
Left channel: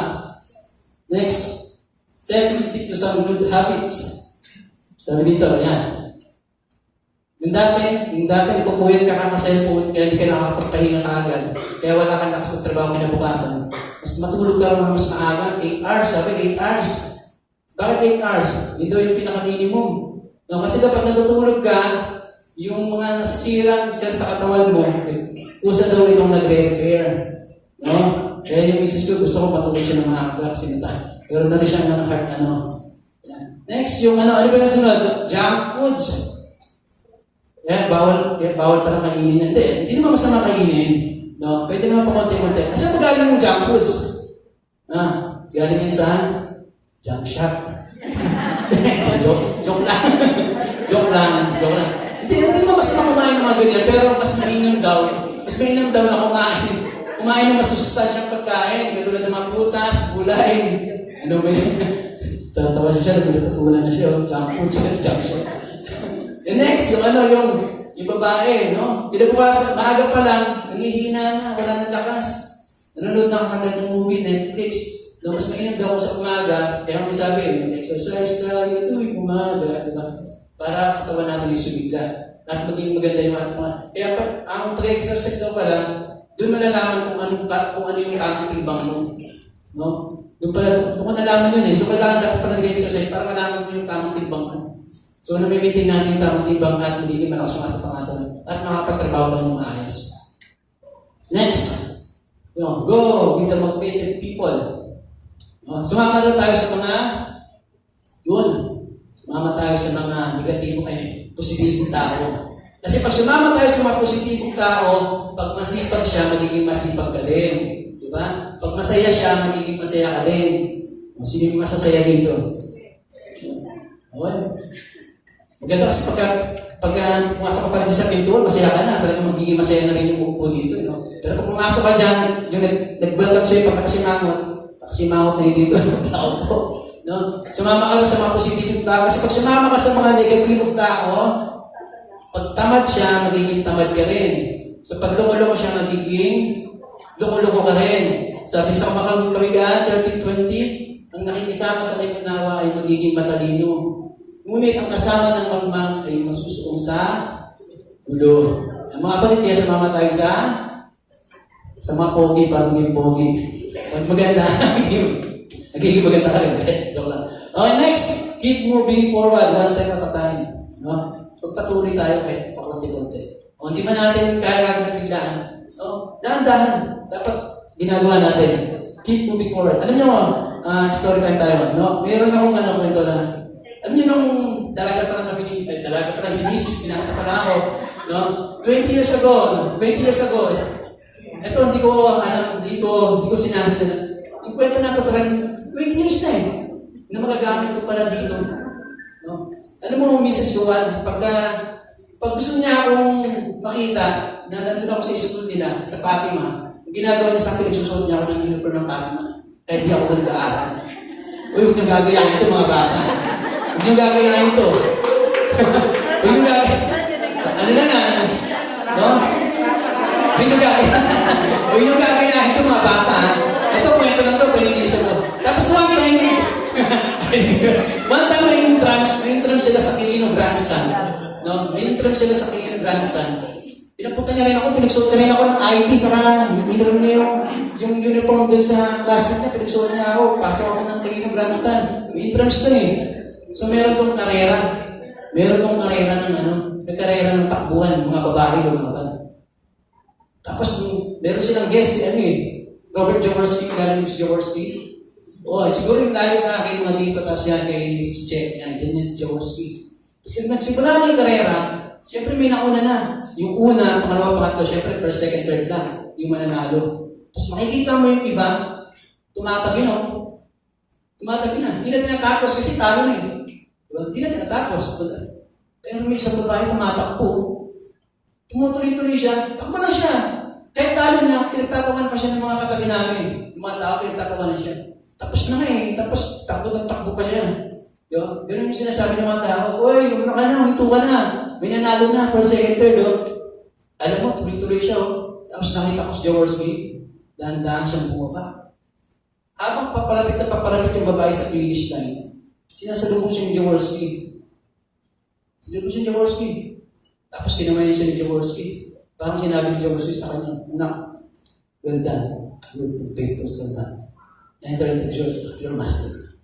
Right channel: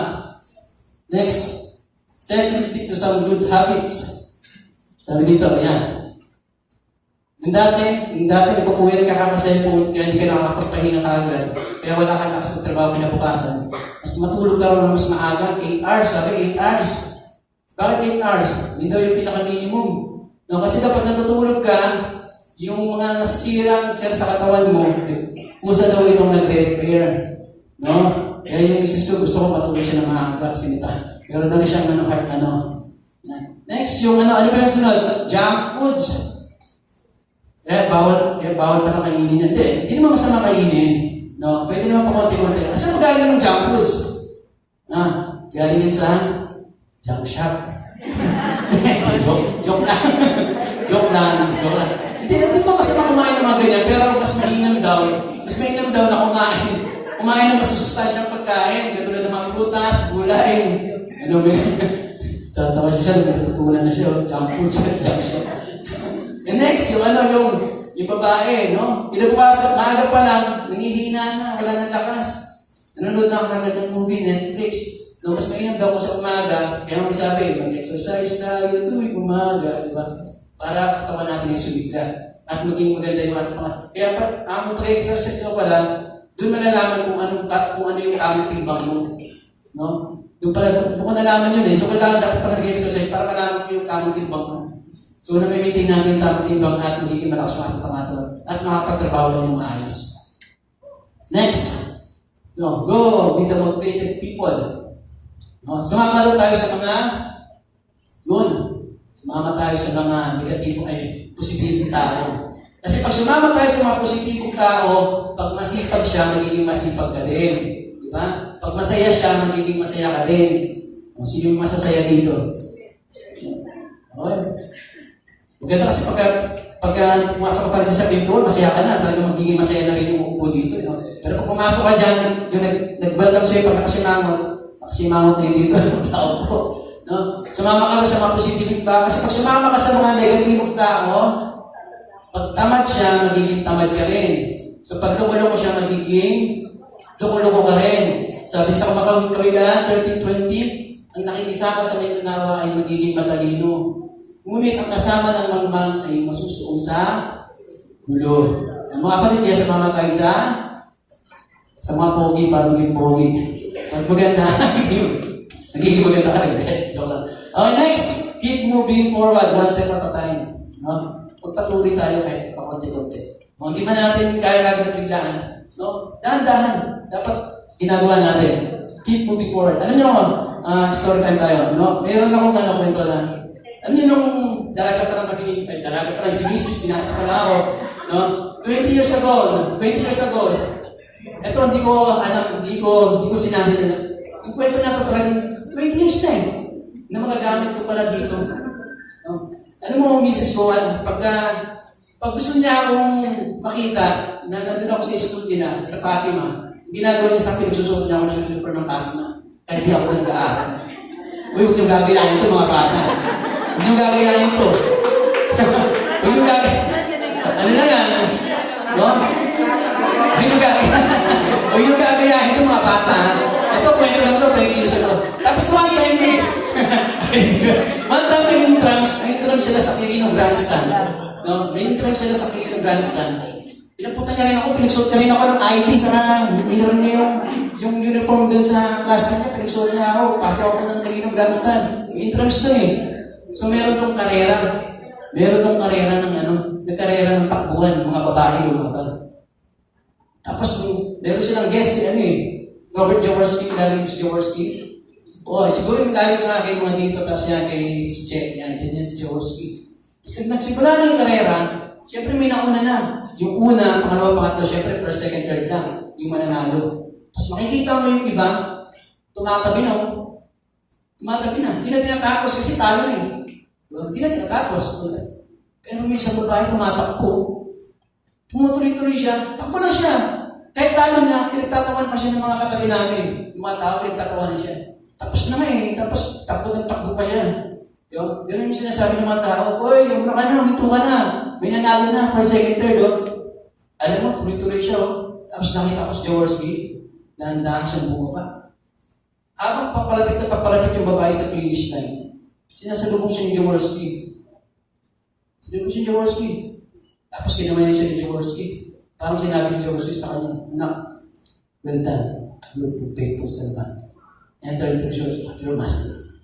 Next. Stick to some good habits. Sabi dito, yan. Yung dati natupuyat ka kasi kaya hindi ka nakapagpahinga ka agad. Kaya wala ka lakas ng trabaho kinabukasan. Mas matulog ka ng mas maaga, 8 hours. Sabi, 8 hours. Bakit 8 hours? Hindi daw yung pinaka-minimum. No, kasi dapat natutulog ka, yung mga nasisirang sir sa katawan mo, pusa daw itong nagre-repair. No? Kaya yung misis ko, gusto ko matuloy siya ng mga sinita. Pero na rin siya ng heart, Yan. Next, yung ano ba yung sunod? Junk foods. Bawal pala kainin. Hindi naman masama kainin. No? Pwede naman pa konti-konti. Kasi magaling yung junk foods. Galing yan sa junk shop. Joke lang. Joke lang. Hindi naman masama kumain ng mga ganyan. Pero mas mainam daw. Mas mainam daw na kumain. Kumain ng masusustansyang pagkain. Katulad ng mga prutas, gulay. Tawa siya, natutunan na siya. Junk foods. Junk shop. And next, yung babae, no? Pinabukasan, maaga pa lang, nangihina na, wala nang lakas. Nanonood na ako kagad ng movie, Netflix. No, mas mainam daw ako sa umaga, kaya ako sabi, mag-exercise tayo tuwing umaga, di ba? Para katawan natin yung sumigla. At maging maganda yung ating mga. Kaya ang pre-exercise daw pala, doon malalaman kung ano yung tamang timbang mo. No? Doon ka nalaman yun eh. So, kailangan dapat pa nag-exercise para malaman mo yung tamang timbang mo. So, namimitin natin yung tamang timbang at magiging malakas matatamatan at makapagtrabaho tayo ng maayos. Next, go with the motivated people. Sumama tayo sa mga sumama tayo sa mga negatibong positibong tao. Kasi pag sumama tayo sa mga positibong tao, pag masipag siya, magiging masipag ka din. Di ba? Pag masaya siya, magiging masaya ka din. Sino yung masasaya dito? Maganda kasi pag pumasok ka pa rin sa pinto, masaya ka na, talagang magiging masaya na rin yung upo dito. No? Pero kung pumasok ka dyan, yung nag-brand up sa'yo, pagkasimamot na yun dito, tao po. No? Sumama ka sa mga positibong tao. Kasi pag sumama ka sa mga negatibong tao, pag tamad siya, magiging tamad ka rin. So pag loko-loko siya, magiging loko-loko ka rin. Sabi sa Kawigaan 13:20, ang nakikisama sa kainunawa ay magiging matalino. Ngunit ang kasama ng mangmang ay masusuong sa gulo. Ang mga kapatid, kaya sumama tayo sa mga pogi para maging pogi. Pag maganda, nagiging maganda ka rin. Joke lang. Okay, next. Keep moving forward one step at a time. No? Pagpatuloy tayo kahit pakunti-kunti. Hindi man natin kaya na biglaan. No? Dahan-dahan. Dapat ginagawa natin. Keep moving forward. Alam nyo, story time tayo. No? Meron akong kwento na alam niyo nung dalaga pa lang si Mrs. Pinata pa lang ako, no? 20 years ago, ito hindi ko sinabi na, ang kwento na ito parang 20 years na na magagamit ko pala dito. No? Alam mo, Mrs. Johan, pag gusto niya akong makita, na nandun ako sa school nila, sa Fatima, ginagawa niya sa akin, nagsusuot niya ako ng uniform ng Fatima, kahit di ako nag-aaral. Huwag nang gagayahin ito mga bata. Huwag nang gagayahin ito. Huwag nang gagayahin. Ano na nga? No? Huwag nang gagayahin ito mga bata. Ito, kwento lang ito, pag-ikilis ito. Tapos one time may intram sila sa Quirino Grandstand. No? May intram sila sa Quirino Grandstand. Pinapunta niya rin ako, pinagsuot ka rin ako ng ID sa ininom niya yung uniform dun sa classmate niya, pinagsuot niya ako, pasok ako ng Quirino Grandstand. May intrams dun So meron tong karera. Meron tong karera may karera ng takbuhan, mga babae lumabas. Tapos meron silang guest Robert Jaworski, galing si Jaworski. Siguro yung layo sa akin mga dito, tapos yan kay Che, yan si Jaworski. Tapos nagsimula na yung karera, siyempre may nauna na. Yung una, pangalawa, pangatlo, siyempre first, second, third lang, yung mananalo. Tapos makikita mo yung iba, tumatabi na. Hindi na tinatapos kasi talo na Hindi na tinatapos. Pero may isang babae tumatakbo. Tumutuloy-tuloy siya, takbo na siya. Kahit talo niya, pinagtatawan pa siya ng mga katabi namin. Yung mga tao, pinagtatawan siya. Tapos na tapos takbo pa siya. Ganun yung sinasabi ng mga tao, yung ka na, umito ka na. May nanalo na, first, second, third, Alam mo, tuloy-tuloy siya, Tapos nakita ko si Jaworski, dahan-dahan siyang bumaba. Habang papalapit yung babae sa finish line, sinasalubong siya yung Jaworski. Tapos kinamayan siya yung Jaworski. Parang sinabi yung Jaworski sa kanya, anak, well done, good to faithful servant. Enter into your master.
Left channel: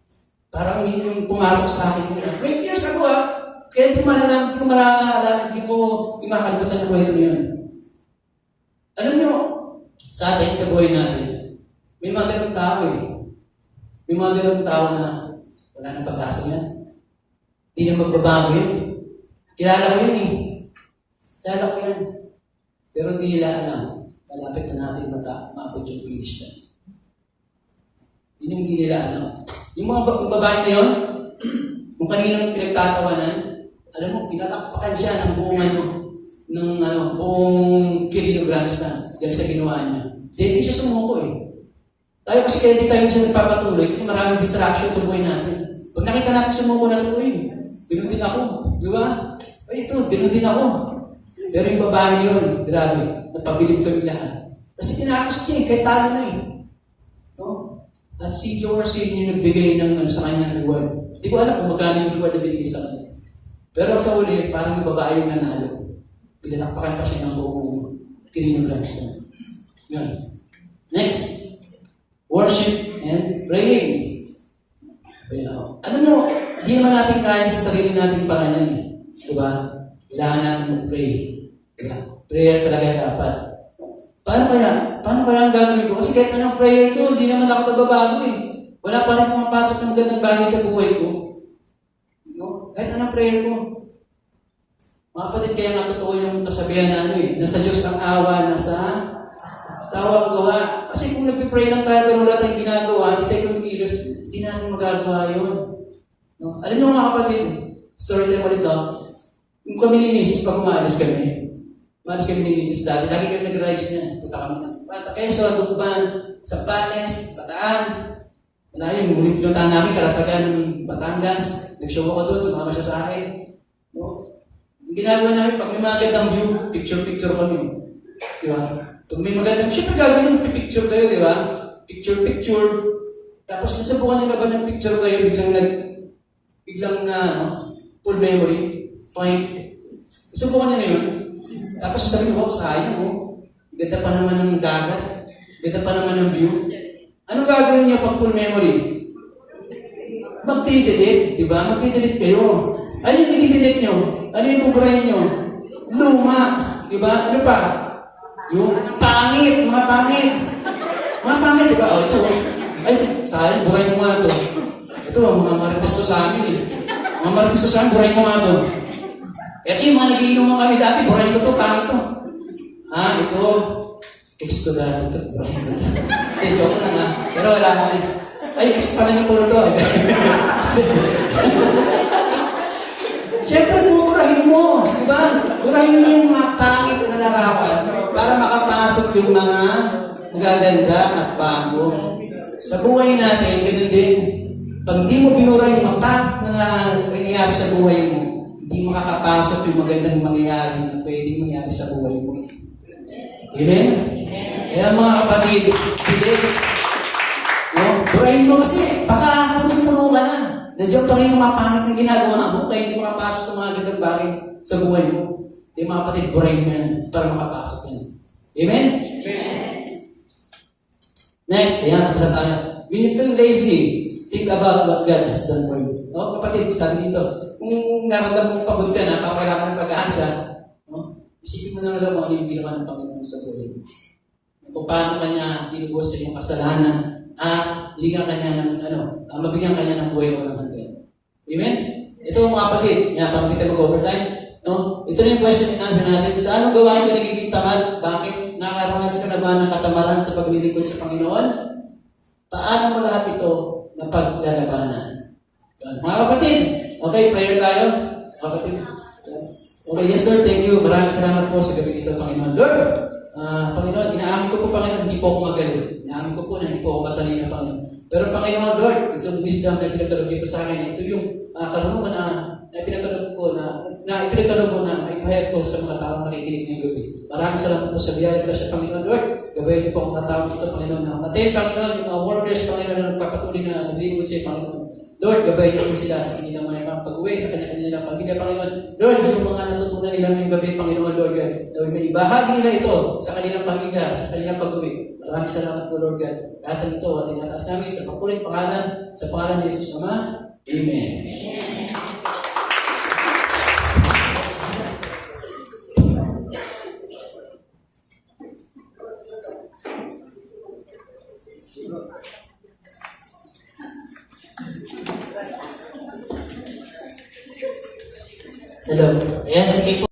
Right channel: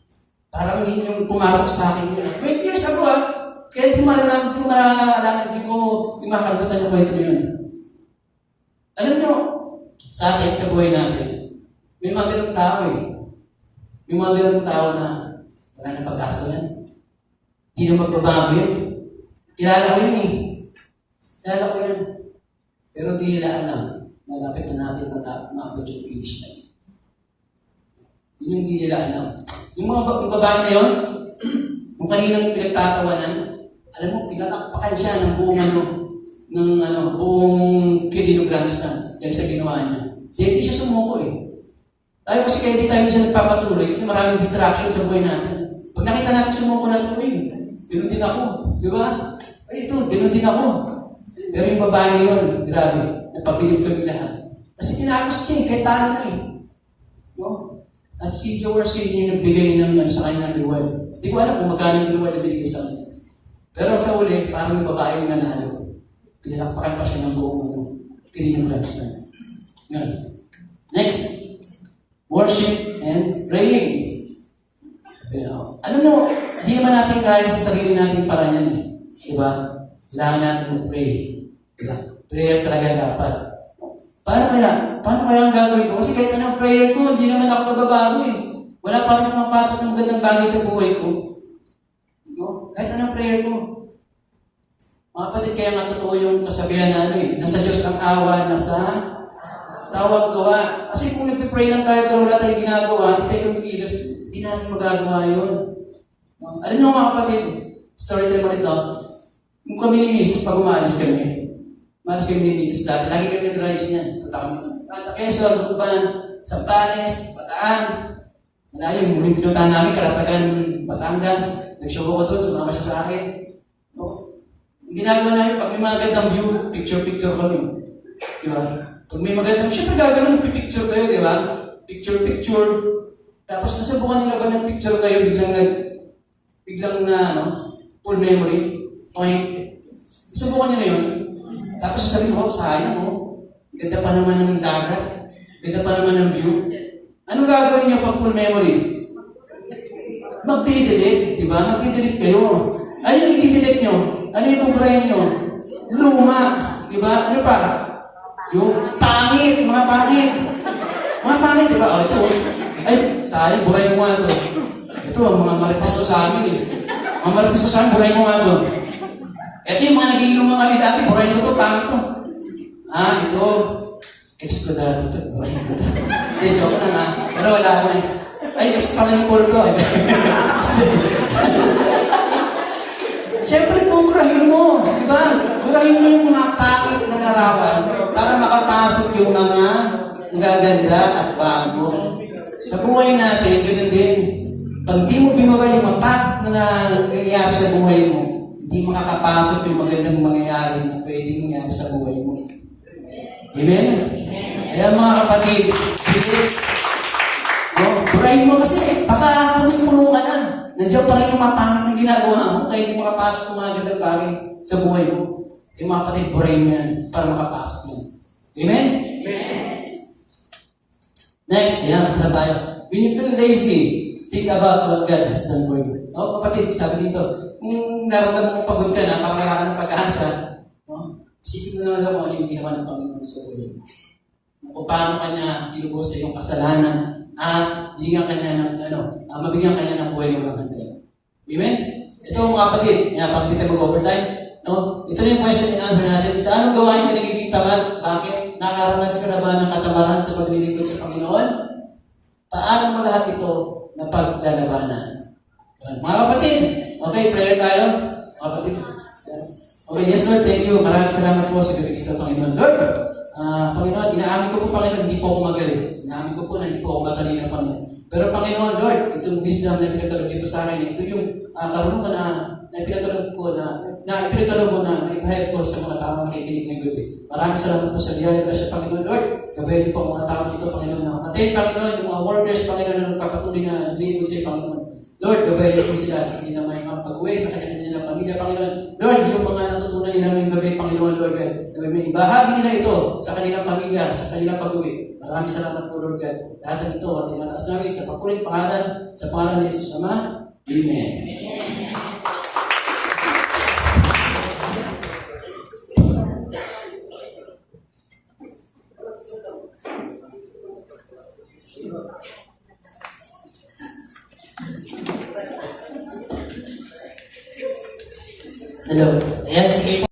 Parang yung pumasok sa akin, 20 years ago kaya hindi ko makalimutan yung kwento yun. Alam nyo, sa atin, sa buhay natin, tao eh. Yung mga ganun tao na wala na pag-asa yan. Hindi na magbabago yun. Kilala ko yun eh. Kilala ko yan. Pero hindi nila alam. Malapit na natin maabot yung finish line. Yun yung hindi nila alam. Yung mga babae na yun, kung kaninang pinagtatawanan, alam mo, pinalakpakan siya ng buong buong kilograms na dahil sa ginawa niya. Dahil hindi siya sumuko eh. Tayo kasi kaya hindi tayo minsan nagpapatuloy kasi maraming distraction sa buhay natin. Pag nakita natin sumuko na ito, ganun din ako. Di ba? Ay, ito, ganun din ako. Pero yung babae yun, grabe, napabilib ko yung lahat. Kasi tinapos niya eh, kahit talo na eh. No? At si Joe Arcini yung nagbigay ng sa kanya ng reward. Hindi ko alam kung magkano yung reward na binigay sa kanya. Pero sa uli, parang yung babae yung nanalo. Pinalakpakan pa siya ng buong kilograms na. Yan. Next. Worship and praying. Ano no, di man natin kaya sa sarili natin pangalan eh. Diba? Kailangan natin mag-pray. Diba? Prayer talaga dapat. Paano kaya ang gagawin ko? Kasi kahit anong prayer ko, hindi naman ako nababago eh. Wala pa rin pumapasok ng gandang bagay sa buhay ko. No? Kahit anong prayer ko. Mga kapatid, kaya matotoo yung kasabihan na nasa Diyos ang awa, nasa tawag gawa. Kasi kung nagpipray lang tayo pero wala tayong ginagawa, hindi tayo kumikilos, hindi natin magagawa yun. No? Alam nyo mga kapatid, story time ulit no? Yung kami ni Mrs. pag umaalis kami ni Mrs. dati, lagi kami nag-rise niyan. Punta kami ng Quezon, Lugban, Sambales, Bataan. Malayo, muling pinuntahan namin, Karatagan, Batangas. Nag-show ko doon, sumama siya sa akin. No? Yung ginagawa namin, pag may mga gandang view, picture-picture kami. Di ba? Pag may magandang, syempre gagawin yung picture kayo, di ba? Picture. Tapos nasubukan nila ba ng picture kayo, biglang na, full memory. Okay. Nasubukan nyo na yun. Tapos sasabihin mo, sayang mo. Ganda pa naman ng dagat. Ganda pa naman ng view. Anong gagawin nyo pag full memory? Magdidelete, di ba? Magdidelete kayo. Ano yung i-delete nyo? Ano yung pag-brain nyo? Luma. Di ba? Ano pa? Yung pangit, mga pangit. Mga pangit, di ba? Oh, ito. Ay, sayang, buhay mo nga ito. Ito, mga marites ko sa amin eh. Mga marites ko sa amin, buhay mo nga ito. Ito yung mga naging mga kami dati, buhay ko ito, pangit ito. Ito. Ex ko dati ito, buhay ko ito. Eh, joke lang ha. Pero wala ka na. Ay, ex pa na yung polo ito. Siyempre, bukurahin mo. Di ba? Bukurahin mo yung mga pangit na larawan para makapasok yung mga magaganda at bago. Sa buhay natin, ganoon din. Pag di mo binura yung mapak na nangyayari sa buhay mo, hindi makakapasok yung magandang mangyayari na pwedeng mangyari sa buhay mo. Amen? Kaya mga kapatid, sige. Burahin mo kasi, baka puno ka na. Nandiyan pa rin yung mapangit na ginagawa mo, kaya hindi makapasok yung mga gandang bagay sa buhay mo. Yung mga kapatid, burahin mo yan para makapasok yan. Amen? Next, tapos na tayo. When you feel lazy, think about what God has done for you. Kapatid, sabi dito, kung naramdaman mong pagod ka na, kapag wala ka ng pag-asa, isipin mo na lang kung ano yung ginawa ng Panginoon sa buhay mo. Kung paano kanya tinubos sa iyong kasalanan at bigyan kanya ng mabigyan kanya ng buhay mo ng hanggan. Amen? Ito mga kapatid, pag dito mag-overtime, ito yung question and answer natin. Sa anong gawain na nagiging tamad? Bakit? Nakaranas ka na ba ng katamaran sa paglilingkod sa Panginoon? Paano mo lahat ito na paglalabanan? Mga kapatid, okay, prayer tayo. Mga kapatid. Okay, yes Lord, thank you. Maraming salamat po sa gabi dito, Panginoon. Lord, Panginoon, inaamin ko po, Panginoon, hindi po ako magaling. Inaamin ko po na hindi po ako matalino, Panginoon. Pero Panginoon, Lord, itong wisdom na pinagkalog dito sa akin, ito yung karunungan na pinagkalog ko na pinagkalog mo na may pahayag ko sa mga tao na nakikinig ng gabi. Maraming salamat po sa biyaya na siya, Panginoon, Lord. Gabayin po ang mga tao dito, Panginoon. Natin, Panginoon, yung mga workers, Panginoon, na nagpapatuloy na nalilingkod sa iyo, Panginoon. Lord, gabayin niyo po sila sa kanilang may pag-uwi, sa kanilang pamilya, Panginoon. Lord, yung mga natutunan nilang yung gabi, Panginoon, Lord God. Lord, may ibahagi nila ito sa kanilang pamilya, sa kanilang pag-uwi. Maraming salamat po, Lord God. Lahat ito at tinataas namin sa papulit pangalan, sa pangalan ni Jesus Ama. Amen. Hello. Ayan, sige po.